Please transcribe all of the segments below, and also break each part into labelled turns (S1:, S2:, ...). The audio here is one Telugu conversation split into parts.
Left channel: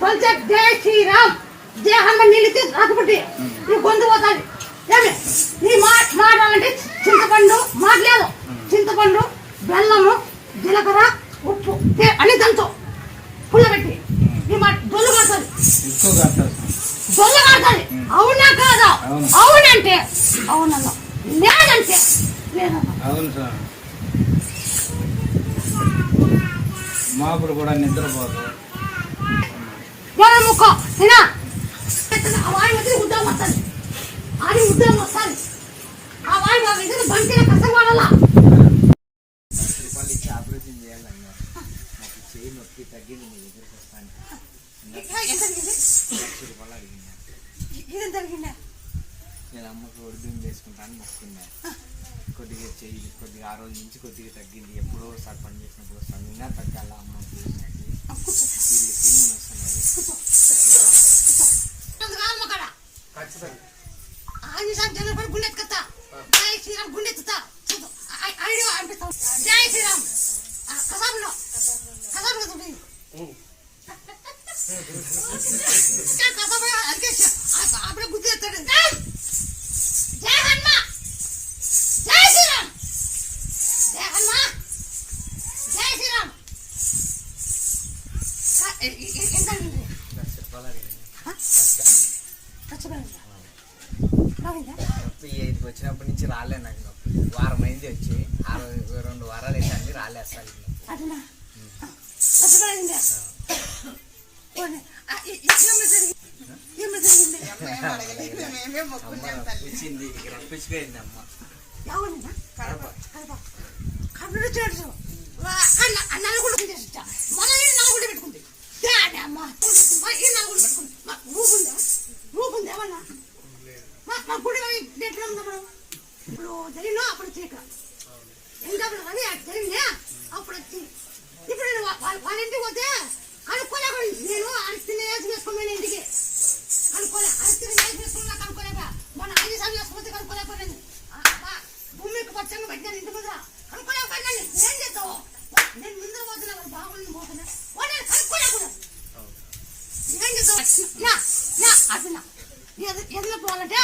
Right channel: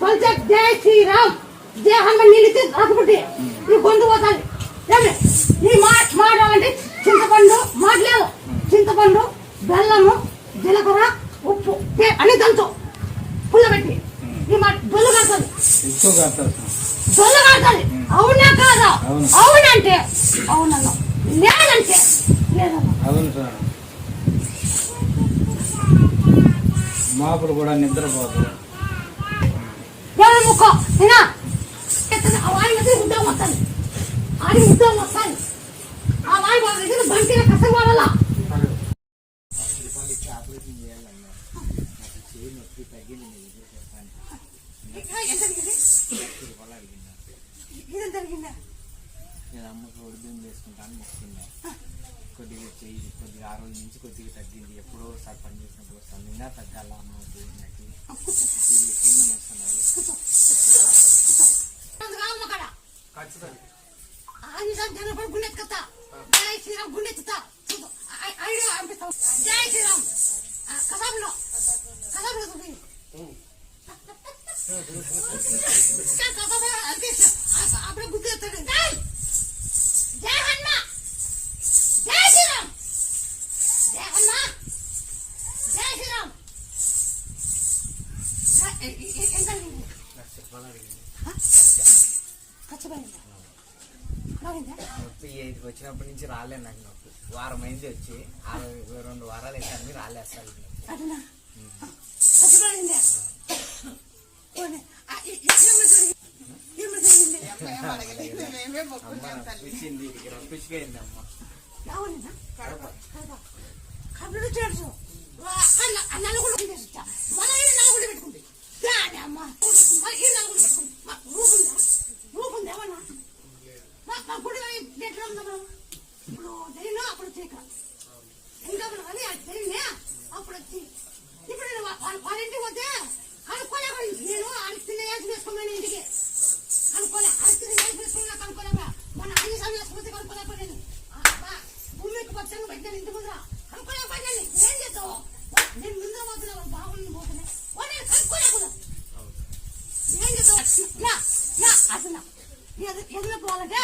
S1: కొంచెం జై శ్రీరామ్. జై హనుమాన్ నిలిచి రాకపోతే నీ గొంతు ఏమి? నీ మాట మాట్లాడాలంటే చింతపండు మాట్లేదు చింతపండు బెల్లము జీలకర్ర ఉప్పు అన్ని దంచు. పుల్లబెట్టి నీ మాట దొల్లు కాడుతుంది దొల్లు కాడుతుంది అవునా కాదా?
S2: అవును.
S1: అవునంటే. అవునన్నా. లేదంటే లేదన్నా.
S2: అవును సార్. మాపుడు కూడా నిద్రపోదు.
S1: ఎవరి ముక్క ఆ వాయి మీద ఉద్యోగం వస్తుంది ఆడి ఉద్యోగం వస్తుంది ఆ వాయి బాగా బంతిన కష్టం
S3: ఇచ్చి ఆపరేషన్ చేయాలన్నా నాకు చేయి నొప్పి తగ్గింది మీ దగ్గరికి వస్తాను లక్ష రూపాయలు అడిగిందా నేను అమ్మకు వేసుకుంటాను మొక్కున్నా కొద్దిగా చెయ్యి కొద్దిగా ఆ రోజు నుంచి కొద్దిగా తగ్గింది. ఎప్పుడో ఒకసారి పని చేసినప్పుడు వస్తాను. నిన్న తగ్గాల అమ్మకి చేసినట్టు. వీళ్ళు
S1: గుండెత్తుకత్తా. జై శ్రీరామ్ గుండెత్తుతా ఐడియా అనిపిస్తాం. జై శ్రీరామ్. కసాబులో కసాబులో కసాబు అడిగేసి
S3: నొప్పి ఐదుకి వచ్చినప్పటి నుంచి రాలే నాకు నొప్పి వారం అయింది వచ్చి. రెండు వారాలు అయితే రాలే అసలు ఇది నొప్పి
S1: అదినా ఖచ్చితంగా పోనీ. మా గుడి ఉందా మనం ఇప్పుడు జరిగినా అప్పుడు చీక ఇంకా కానీ అది జరిగిందే? అప్పుడు వచ్చి. ఇప్పుడు నేను వాళ్ళ ఇంటికి పోతే కనుక్కోలేక నేను అరిస్తున్న వేసి వేసుకోమని ఇంటికి. కనుక్కోలే అరిస్తున్న వేసి వేసుకున్నా కనుక్కోలేక మన అన్ని సమయం వేసుకుంటే కనుక్కోలేకపోయాను భూమికి పచ్చంగా పెట్టాను ఇంటి ముందర. కనుక్కోలేకపోయాను ఏం చేస్తావు? నేను ముందర పోతున్నా వాళ్ళు బాగుండి పోతున్నా. వాళ్ళు కనుక్కోలేకుండా ఏం చేస్తావు? నా నా ఎదురు పోవాలంటే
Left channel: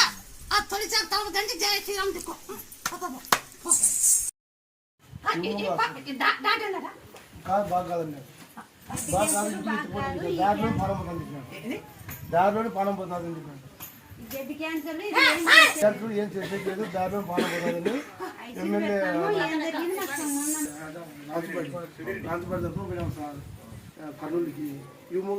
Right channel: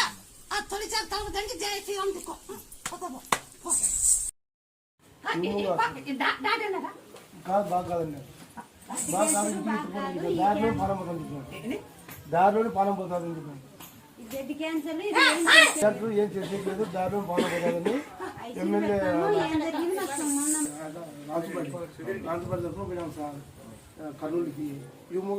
S4: ఇంటికి తీసుకుపోండి. ఇక దారిలో పానం పోతుంది ఎందుకంటే దారిలోనే పానం పోతుంది
S1: ఏ,
S4: చేసేది లేదు దారిలో పానం పోతుందని ఎమ్మెల్యే పోయినాం సార్ కర్నూలుకి యుముగా